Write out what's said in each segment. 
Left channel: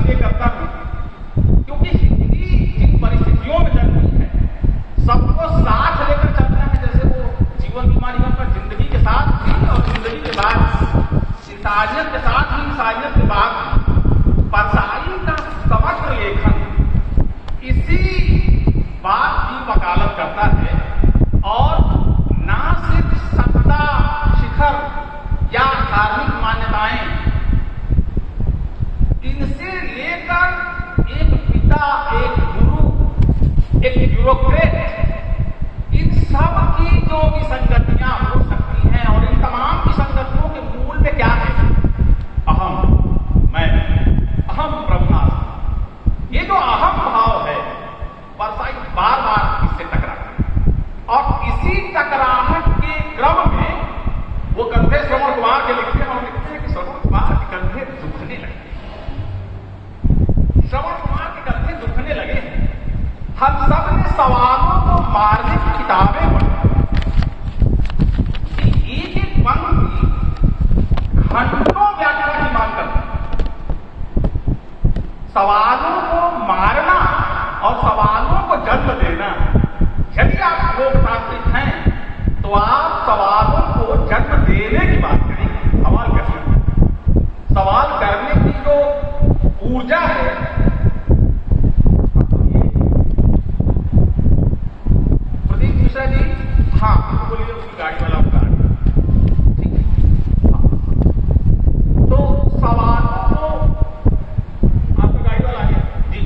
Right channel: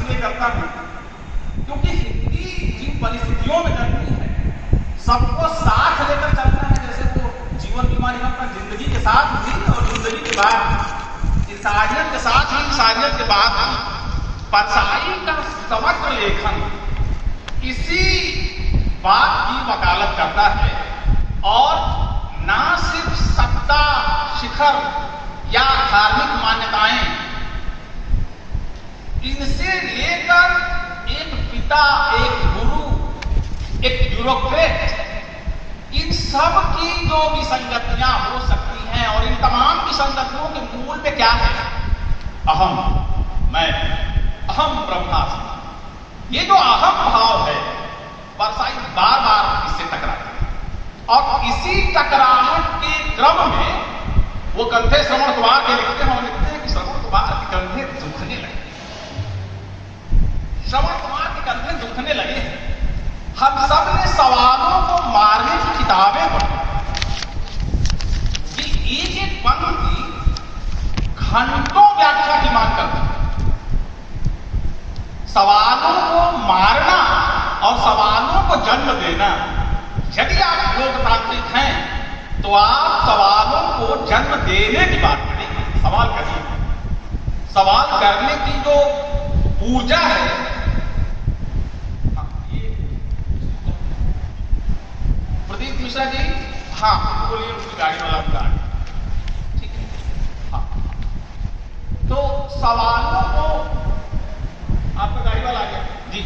इसलिए करता हूं क्योंकि हिंदी जिन परिस्थितियों में करती है सबको साथ लेकर चलता है। जैसे वो जीवन बीमा निगम का जिंदगी के साथ भी और जिंदगी के बाद इंसानियत के साथ ही इंसानियत के बाद परसाई का समग्र लेखन इसी बात की वकालत करता है। और ना सिर्फ सत्ता शिखर या धार्मिक मान्यताएं, इनसे लेकर एक पिता, एक गुरु, एक ब्यूरोक्रेट, इन सब की जो विसंगतियां हो सकती हैं और इन तमाम विसंगतियों के मूल पे क्या है? अहम, मैं, अहम ब्रह्मास्मि। ये जो अहम भाव है परसाई बार बार इससे टकराते हैं और इसी टकराहट के क्रम में वो कंधे श्रवण कुमार के लिखते हैं और लिखते हैं कि श्रवण कुमार के कंधे दुखने लगे, श्रवण कुमार के कंधे दुखने लगे हैं। हम सब ने सवालों को मारने की किताबें पढ़ी कि एक एक पंक्ति घंटों व्याख्या की मांग करती है। सवालों को मारना और सवालों को जन्म देना, यदि आप लोकतांत्रिक हैं तो आप सवालों को जन्म देने की बात करेंगे। सवाल करिए, सवाल करने की जो ऊर्जा है, प्रदीप मिश्रा जी, हाँ बोलिए, उसकी गाड़ी वाला बता, ठीक है। हाँ, तो सवालों को, आपका गाड़ी वाला आ गया जी,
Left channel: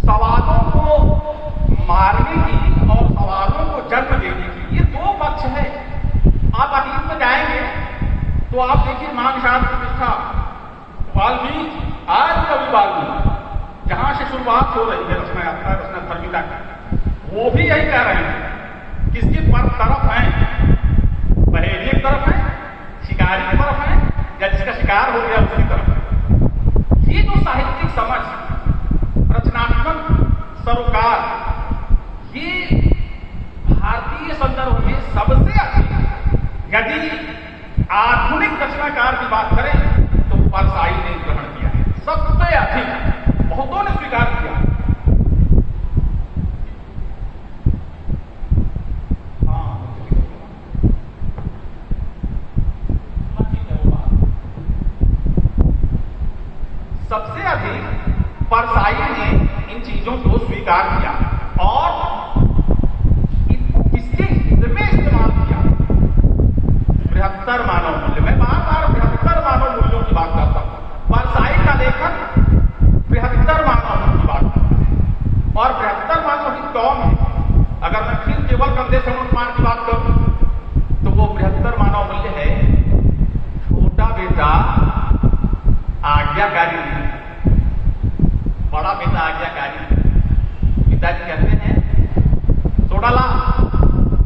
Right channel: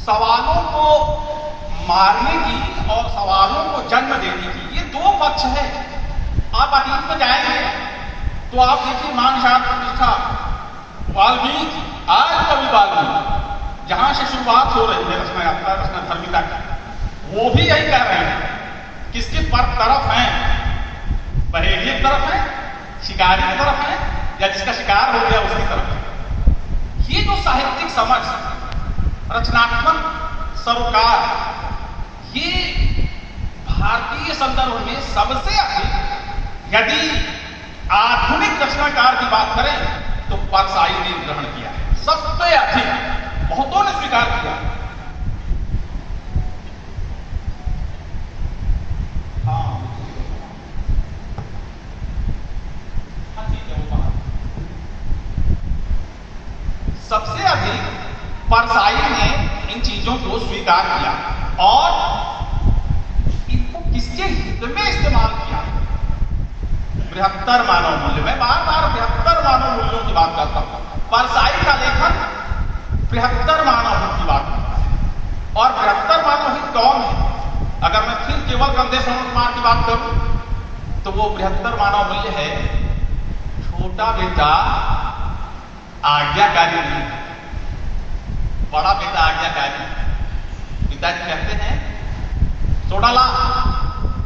सवालों को मारने की और सवालों को जन्म देने की, ये दो पक्ष है। आप अतीत में जाएंगे तो आप देखिए मान शांत प्रतिष्ठा, वाल्मीकि, आज कवि वाल्मीकि, जहां से शुरुआत हो रही है रचना यात्रा, रचना धर्मिता की, वो भी यही कह रहे हैं। किसके पर तरफ हैं? पहेली की तरफ है, शिकारी की तरफ है, या जिसका शिकार हो गया उसकी तरफ है। ये जो साहित्यिक समझ, रचनात्मक सरोकार, ये भारतीय संदर्भ में सबसे अधिक, यदि आधुनिक रचनाकार की बात करें तो परसाई ने ग्रहण किया है सबसे अधिक, बहुतों ने स्वीकार किया। हाँ ठीक है, वो बात सबसे अधिक परसाई ने इन चीजों को स्वीकार किया और इनको किसके हित में इस्तेमाल किया? बृहत्तर मानव मूल्य। मैं बार बार बृहत्तर मानव मूल्यों की बात करता हूं। परसाई का लेखन बृहत्तर मानव मूल्य की बात करता है और बृहत्तर मानव हित कौन है? अगर मैं फिर केवल कंधे श्रवण कुमार की बात करूं तो वो बृहत्तर मानव मूल्य है, छोटा बेटा आज्ञाकारी नहीं, बड़ा बेटा आज्ञाकारी। पिताजी कहते हैं सोडा ला,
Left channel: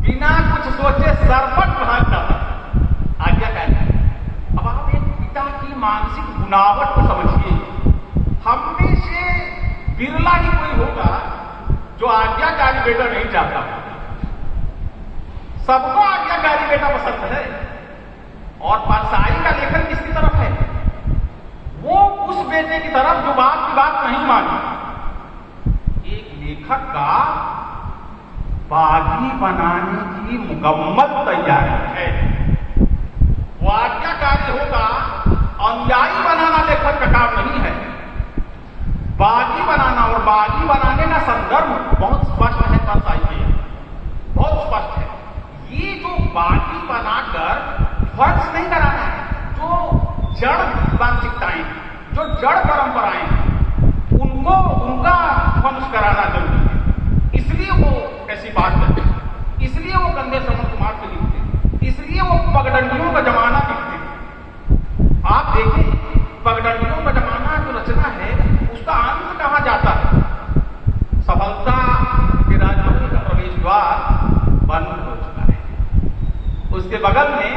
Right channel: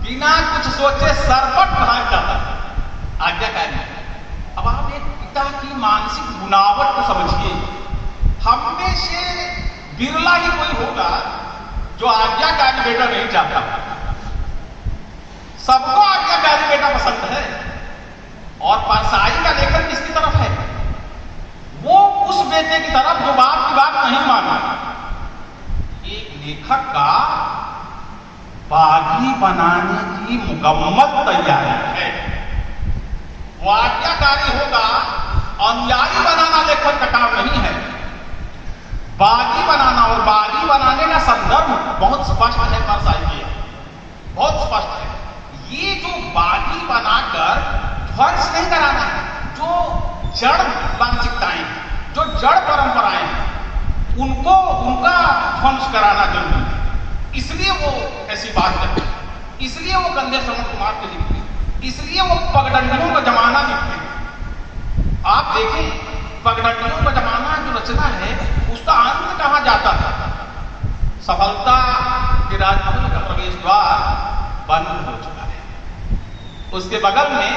बिना कुछ सोचे सरपट भाग जाता है, आज्ञाकारी। अब आप एक पिता की मानसिक बुनावट को समझिए। हम में से बिरला ही कोई होगा जो आज्ञाकारी बेटा नहीं चाहता। सबको आज्ञाकारी बेटा पसंद है। और परसाई का लेखन किसकी तरफ है? वो उस बेटे की तरफ जो बाप की बात नहीं माना। एक लेखक का बागी बनाने की मुकम्मल तैयारी है। वो आज्ञाकारी होगा, अनुयायी बनाना लेखक का काम नहीं है। बागी बनाना, और बागी बनाने का संदर्भ बहुत स्पष्ट है परसाई के, बहुत स्पष्ट है। ये जो बागी बनाकर ध्वंस नहीं कराना है, जो जड़ मानसिकताएं, जो जड़ परंपराएं हैं, उनको उनका ध्वंस कराना जरूरी है। इसलिए वो ऐसी बात करते हैं, इसलिए वो कंधे श्रवण कुमार के लिखते हैं, इसलिए वो पगडंडियों का जमाना लिखते हैं। आप देखें पगडंडियों का जमाना जो रचना है उसका अंत कहाँ जाता है? सफलता के राजमहल का प्रवेश द्वार बंद हो चुका है। उसके बगल में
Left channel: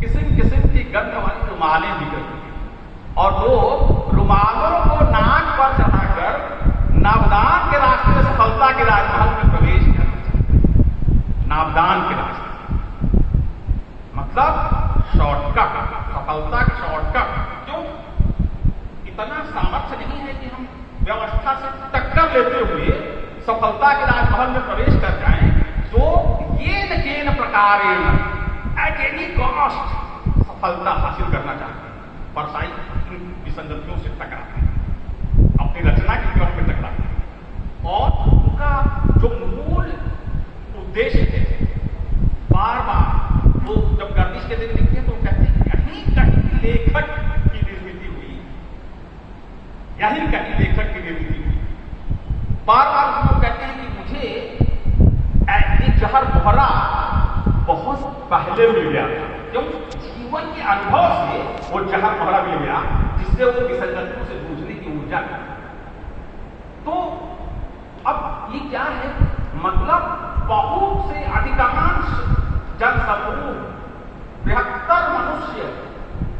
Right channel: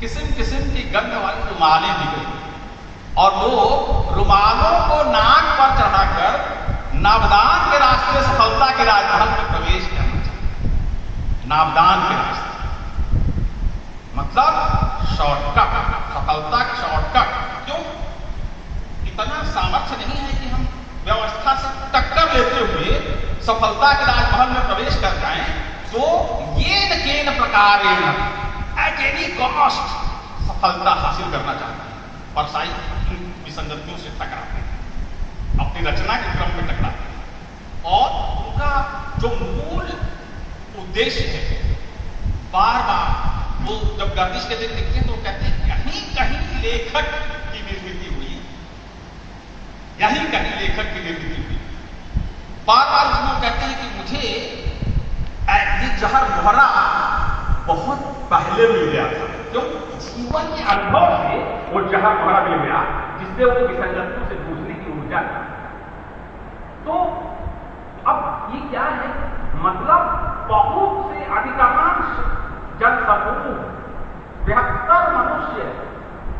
किस्म किस्म की गंध वाली रुमालें दी गई और लोग रुमालों को नाक पर चढ़ाकर नाबदान के रास्ते सफलता के राजमहल में प्रवेश करना चाहते। नाबदान के रास्ते मतलब शॉर्टकट, सफलता के शॉर्टकट। क्यों? इतना सामर्थ्य नहीं है कि हम व्यवस्था से टक्कर लेते हुए सफलता के राजमहल में प्रवेश कर जाएं, तो ये न केन प्रकारेण एट एनी कॉस्ट सफलता हासिल करना चाहते हैं। परसाई इन विसंगतियों से टकराते हैं, अपनी रचना के क्रम में टकराते हैं, और उनका जो मूल उद्देश्य है, बार बार वो जब गर्दिश के दिन लिखते हैं तो कहते हैं कहीं कहीं लेखक की निर्मिति हुई, यही कहीं लेखक की निर्मिति हुई। बार बार उसमें कहते हैं कि मुझे ये जहर मोहरा बहुत पहले मिल गया था, क्यों? जीवन के अनुभव से वो जहर मोहरा मिल गया, जिससे वो विसंगतियों से जूझने की ऊर्जा। तो अब ये क्या है, मतलब बहुत से अधिकांश जनसमूह, बृहत्तर मनुष्य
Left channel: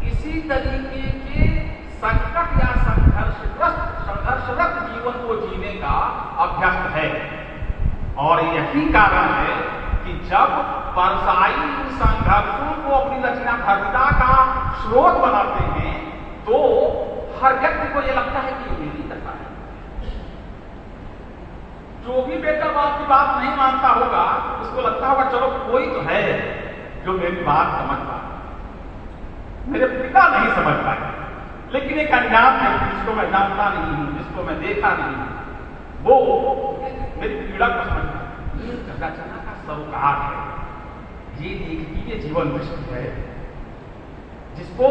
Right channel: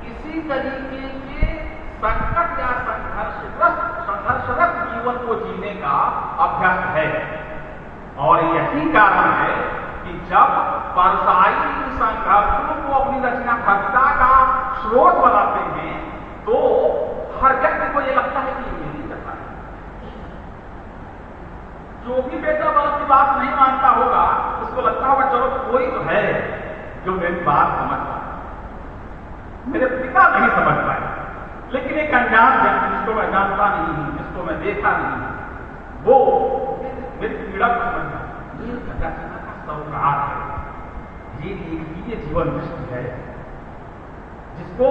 इसी तरीके के संकट या संघर्षरत जीवन को जीने का अभ्यस्त है। और यही कारण है कि जब परसाई संघर्षों को अपनी रचनात्मकता का स्रोत बनाते हैं, तो हर व्यक्ति को यह लगता है कि मेरी कथा है। जो भी बेटा बाप की बात नहीं मानता होगा, उसको लगता होगा चलो कोई तो है जो मेरी बात समझ पाए, मेरे पिता नहीं समझ पाए। लेकिन एक अनजान व्यक्ति, जिसको मैं जानता नहीं हूं, जिसको मैं देखा नहीं, वो मेरी पीड़ा को समझ पाए। ये रचना का सौगात है, ये देखिए जीवन दृष्टि है, जिसको,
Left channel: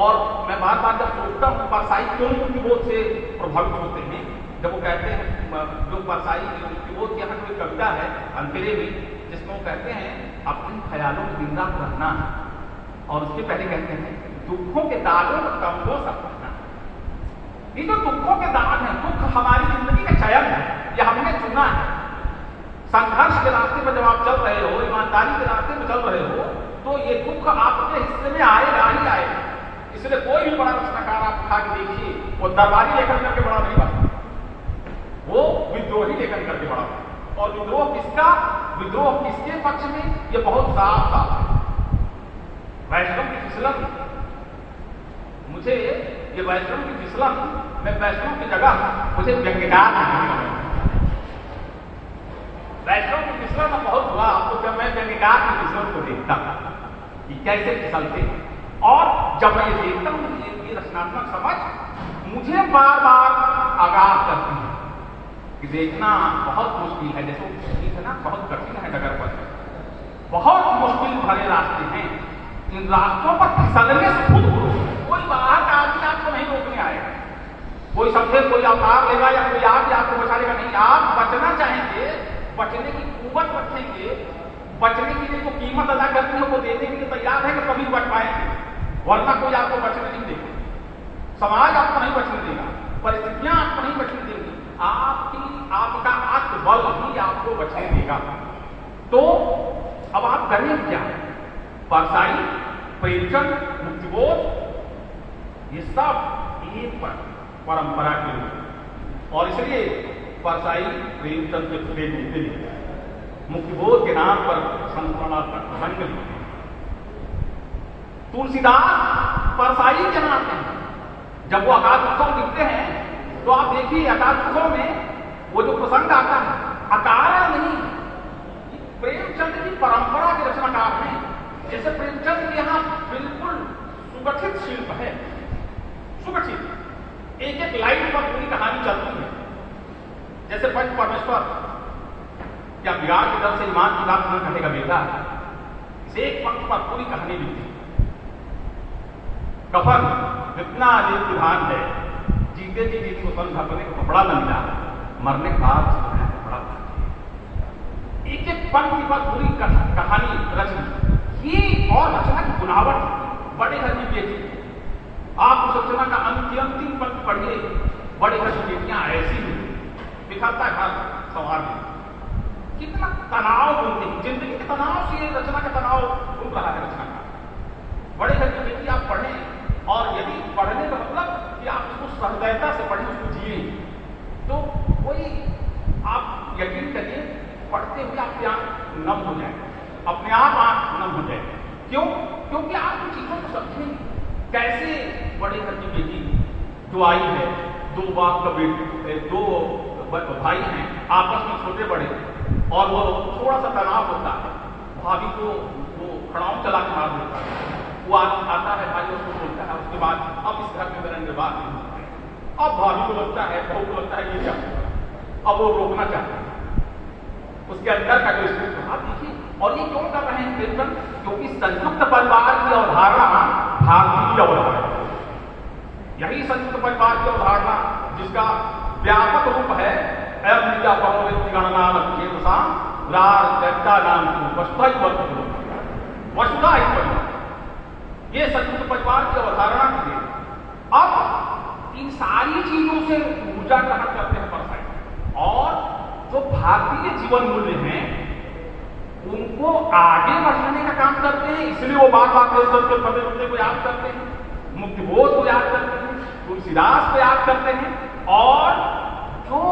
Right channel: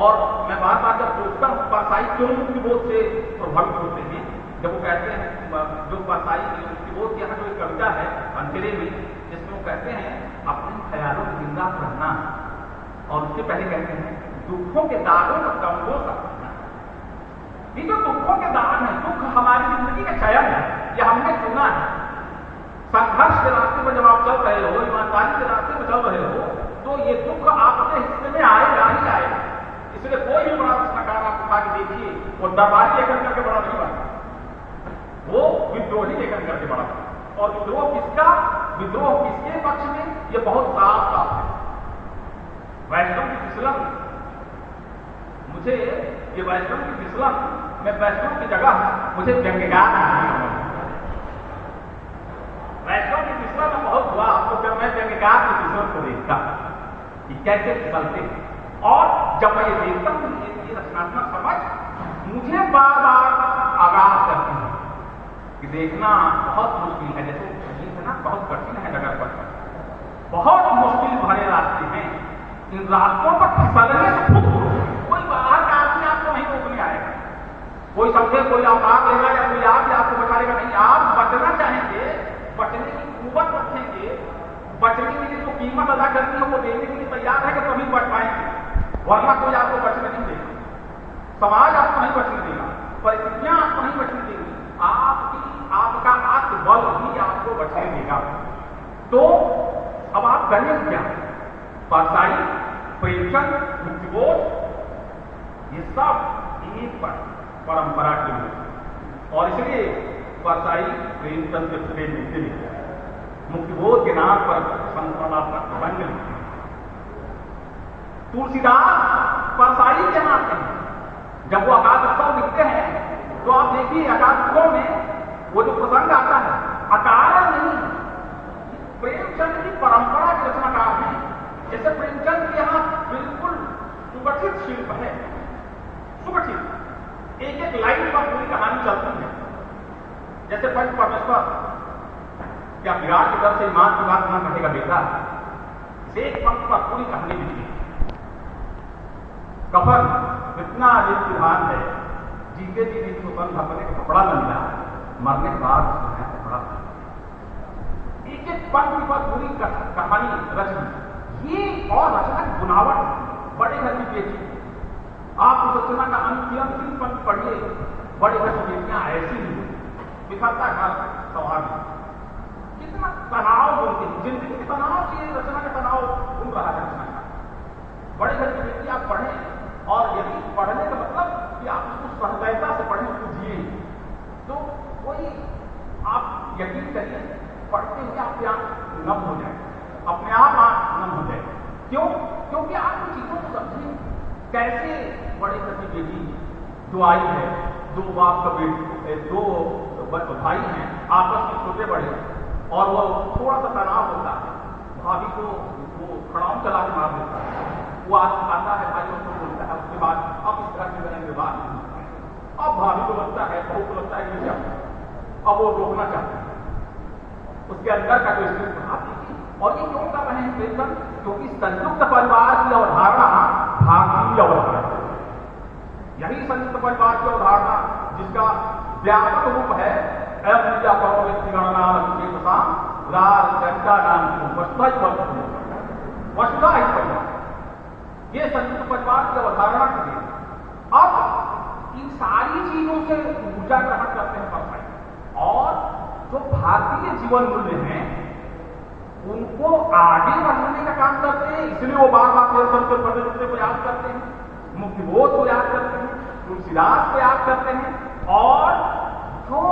और मैं बार बार जब सोचता हूं परसाई क्यों मुक्तिबोध से प्रभावित होते हैं, जब वो कहते हैं, जो परसाई मुक्तिबोध की यहाँ कोई कविता है अंतरे में, जिसमें वो कहते हैं अपने ख्यालों में जिंदा रहना, और उसके पहले कहते हैं दुखों के दागों को कमजोर समझना। ये जो दुखों के दाग है, दुख हमारी जिंदगी का चयन है, यह हमने चुना है। संघर्ष के रास्ते पर जब आप चल रहे हो, ईमानदारी के रास्ते पर चल रहे हो, तो ये दुख आपके हिस्से में आएगा ही आएगा। इसलिए कोई भी बड़ा रचनाकार आप उठा के देखिए, वो दरबारी लेखन करके बड़ा नहीं बनता, वो विद्रोही लेखन करके बड़ा। और विद्रोह किसका, विद्रोह किसके पक्ष में, ये बहुत साफ साफ है। वैष्णव की फिसलन, मुझे ये वैष्णव की फिसलन, मैं वैष्णव की जगह मुझे व्यंग्यकार नहीं, वैष्णव की फिसलन में बहुत हुआ आपको, जब मैं व्यंग्यकार की फिसलन को देखता कि कैसे फिसलते, और जब मैं ये देखता हूं ये रचनात्मक समझ मुझे बार बार आगाह करती है कि देखना बहुत मुश्किल है। जैसे मुश्किल है ना, बहुत कठिन है डगर पर, बहुत मुश्किल भरे रास्ते हैं, इन रास्तों पर फिसलने से खुद कोई बाहर का आदमी आपको नहीं रोकने आएगा, कोई समझे कोई अवतार लेगा या कोई आगे आपको बचा लेगा, नहीं। आप बचना चाहेंगे, बचने की कुव्वत रखेंगे, बचने के लिए तो कीमत अदा करनी है, वो देने के लिए तैयार है कि तभी बच पाएंगे, वरना कोई आपको बचने नहीं देगा, समाज आपको नहीं बचने देगा, परिस्थितियां आपको नहीं बचने देंगी, आपका आत्मबल ही आपको बचने देगा। तो अब आप करें क्या? परसाई, प्रेमचंद, मुक्तिबोध, ये सब एक परंपरा के लोग, और इसलिए परसाई प्रेमचंद के प्रेम लिखते हैं, मुक्तिबोध के नाम पर संतरणात्मक प्रबंध लिखते हैं, तुलसीदास परसाई के नाते हैं। जब वो अकाल उत्सव लिखते हैं तो आप देखिए अकाल उत्सव में वो जो प्रसंग आता है अकारण नहीं, प्रेमचंद की परंपरा के रचनाकार हैं। जैसे प्रेमचंद के यहाँ बिल्कुल सुगठित शिल्प है, सुगठित, एक एक लाइन पर पूरी कहानी चलती है। जैसे पंच परमेश्वर, क्या बिहार की तरफ से ईमान की बात ना कहेगा बेटा, इसे एक पंक्ति पर पूरी कहानी लिखती है। कफन इतना अधिक विधान है, जीते जी दिन को संघ अपने को कपड़ा न मिला, मरने के बाद कपड़ा, एक एक पंक्ति पर पूरी कहानी रचना। ये और रचना की बुनावट, बड़े घर की बेटी, आप उस रचना का अंतिम पंक्ति पढ़िए, बड़े घर की बेटियां ऐसी ही बिखरता घर सवार में, कितना तनाव बोलते हैं, जिंदगी के तनाव से रचना का तनाव घूम रहा है रचना का। बड़े घर की बेटी आप पढ़ें, और यदि पढ़ने का मतलब कि आप उसको सहृदयता से पढ़ें, उसको जिए, तो कोई आप यकीन करिए पढ़ते हुए आपकी आंख नम हो जाए, अपने आप आंख नम हो जाए। क्यों? क्योंकि आप उन चीजों को समझें, कैसे बड़े घर की बेटी जो आई है, दो बाप का बेटे, दो भाई हैं आपस में छोटे बड़े, और वो थोड़ा सा तनाव होता है, भाभी को वो खड़ाऊ चला के मार देता है, वो आदमी आता है, भाई उसको बोलता है, उसके बाद अब इस घर में मेरा निर्वाह नहीं होता है। अब भाभी को लगता है, बहू को लगता है ये क्या, अब वो रोकना चाहता है, उसके अंदर का जो स्थिति आप देखिए। और ये क्यों कर रहे हैं कीर्तन? क्योंकि संयुक्त परिवार की अवधारणा भारतीय अवधारणा, यही संयुक्त परिवार की अवधारणा जिसका व्यापक रूप है वसुधा ही परिवार, ये संयुक्त परिवार की अवधारणा के लिए अब इन सारी चीजों से ऊर्जा ग्रहण करते हैं परसाई, और जो भारतीय जीवन मूल्य हैं उनको आगे बढ़ाने का काम करते हैं। इसलिए वो बार बार बड़े मुद्दे को याद करते हैं, मुक्तिबोध को याद करते हैं, तुलसीदास को याद करते हैं, और जो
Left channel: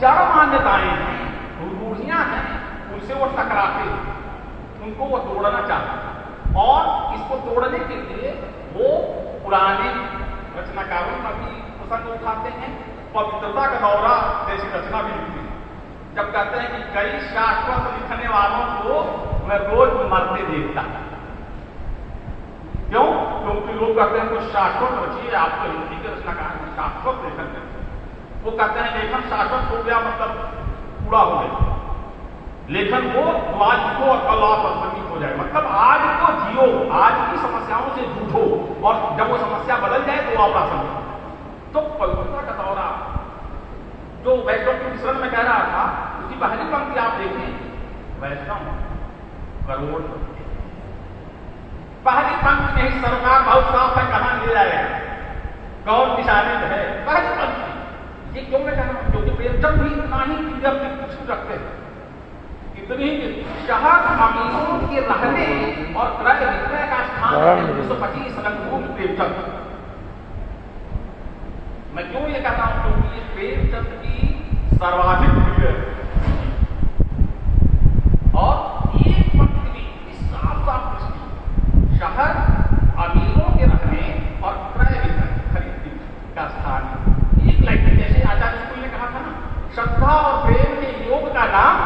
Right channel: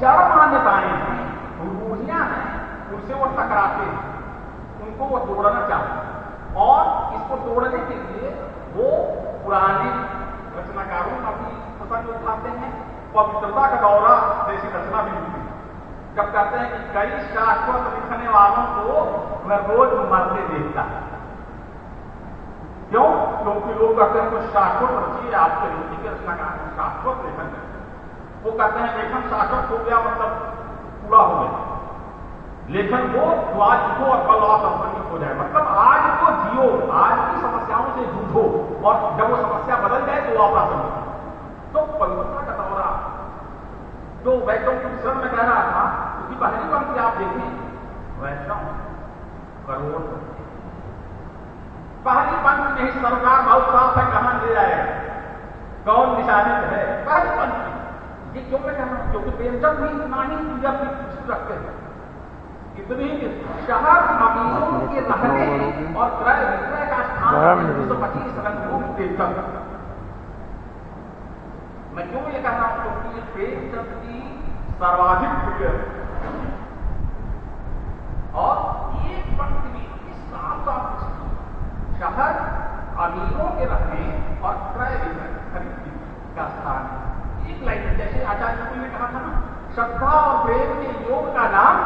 जड़ मान्यताएं हैं, रूढ़ियां हैं, उनसे वो टकराते हैं, उनको वो तोड़ना चाहते हैं। और इसको तोड़ने के लिए वो पुराने रचनाकारों का भी प्रसंग उठाते हैं, पवित्रता का दौरा जैसी रचना भी लिखते हैं। जब कहते हैं कि कई शाश्वत लिखने वालों को मैं रोज मरते देखता हूं। क्यों? क्योंकि लोग कहते हैं कुछ शाश्वत रचिए, आपके हिंदी के रचनाकार शाश्वत लेखन करते हैं। वो कहते हैं लेखन शाश्वत हो गया मतलब पूरा हो गया, लेखन को जो आज लिखो और कल आप प्रासंगिक हो जाए, मतलब आज को जियो, आज की समस्याओं से जूझो, और जब वो समस्या बदल जाए तो आप प्रासंगिक। तो पवित्रता का दौरा जो वैष्णव मिश्रण में कह रहा था, उसकी पहली पंक्ति आप देखें, वैष्णव करोड़, पहली पंक्ति नहीं, सरकार बहुत साफ है, कहां ले जाएगा, कौन निशानित है, पहली पंक्ति। ये क्यों मैं कह रहा हूं? क्योंकि प्रेमचंद भी इतना ही फिगर की रखते हैं, इतनी शहर अमीरों के रहने और क्रय विक्रय का स्थान 225 रंगभूमि प्रेमचंद। मैं क्यों ये कह रहा हूं? क्योंकि ये प्रेमचंद की सर्वाधिक प्रिय है, और एक पंक्ति भी साफ साफ दृष्टि, शहर अमीरों के रहने और क्रय विक्रय खरीद का स्थान। एक लाइन जैसे आचार्य स्कूल ने कहा था ना, श्रद्धा और प्रेम के योग का नाम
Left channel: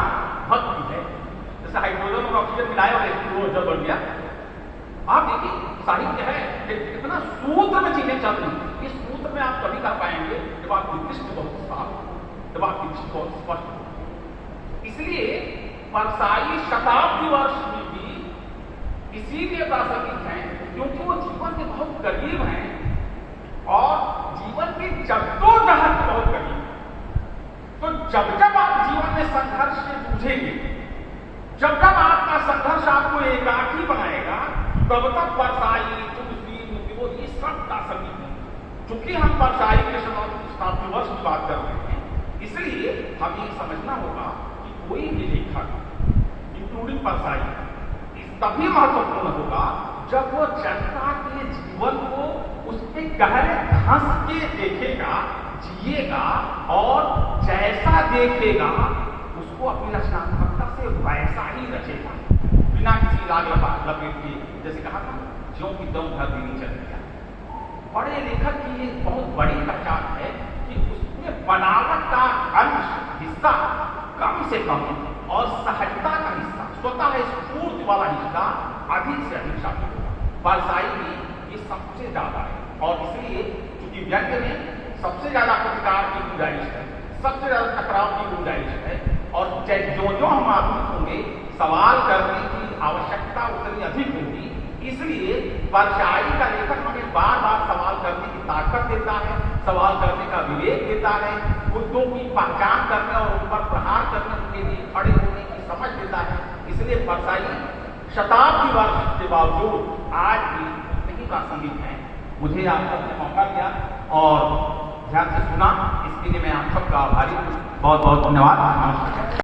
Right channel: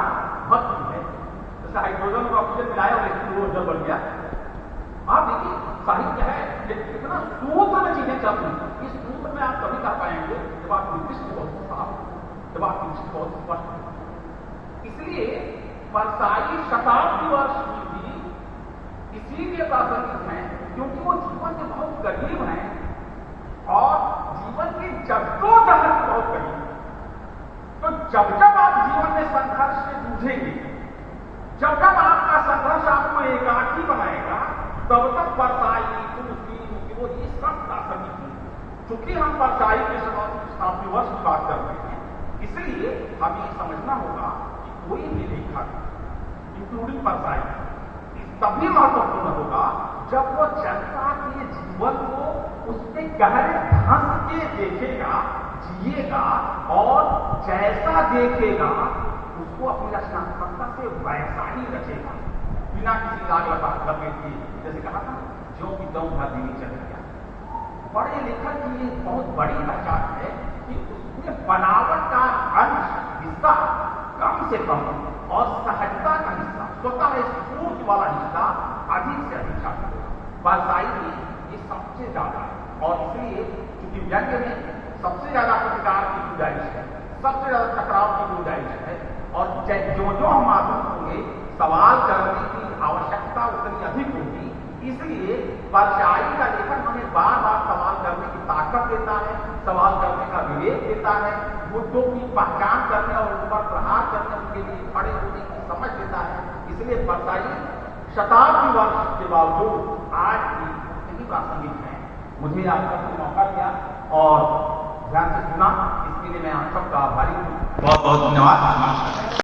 भक्ति है। जैसे हाइड्रोजन और ऑक्सीजन मिलाया और हाइड्रोजन बन गया। आप देखिए साहित्य है, कितना सूत्र में चीजें चल रही। इस सूत्र में आप कभी कह पाएंगे जब आपकी दृष्टि बहुत साफ, जब आपकी दृष्टि बहुत स्पष्ट हो। इसलिए परसाई शताब्दी वर्ष में भी इसीलिए प्रासंगिक हैं क्योंकि वो जीवन के बहुत करीब हैं, और जीवन के जद्दोजहद के बहुत करीब। तो जब जब आप जीवन में संघर्ष से जूझेंगे, जब जब आपका संघर्ष आपको एकाकी बनाएगा, तब तक परसाई, तुलसी, मुक्तिबोध ये सब प्रासंगिक है। चूंकि हम परसाई के शताब्दी वर्ष की बात कर रहे हैं, इसलिए हमें समझना होगा कि कोई भी लेखक इंक्लूडिंग परसाई तभी महत्वपूर्ण होगा जब वो जनता के जीवन को उसके गहरे धंस के देखेगा, जिएगा, और जैसा देखेगा उसको अपनी रचनात्मकता से वैसा ही रचेगा, बिना किसी राग लपेट के। जैसे कहा था, ज्यों की दम घर भी चल गया। बड़े लेखक की एक बहुत बड़ी पहचान है कि उसने बनावट का अंश हिस्सा कम से कम और सहजता का हिस्सा, स्वतः स्फूर्ति वाला हिस्सा अधिक से अधिक शामिल होगा। परसाई में ये सबसे ज्यादा है, और इसलिए चूंकि व्यंग्य में सबसे ज्यादा प्रतिकार की गुंजाइश है, सबसे ज्यादा टकराव की गुंजाइश है, और जो जो हम आधुनिक होंगे सवाल करने की आवश्यकता उतनी अधिक होगी। इसलिए परसाई का लेखक हमें बार बार सवाल करने की ताकत देता है, सवाल करने का विवेक देता है, मुद्दों की पहचान करने और उन पर प्रहार करने के लिए खड़े होने की समझ देता है। इसलिए परसाई शताब्दी वर्ष के बावजूद आज भी उतनी प्रासंगिक है। मुझे आप सबको मौका दिया और ध्यान से सुना, इसके लिए मैं आप सबका आभारी हूँ। बहुत बहुत धन्यवाद। नमस्कार।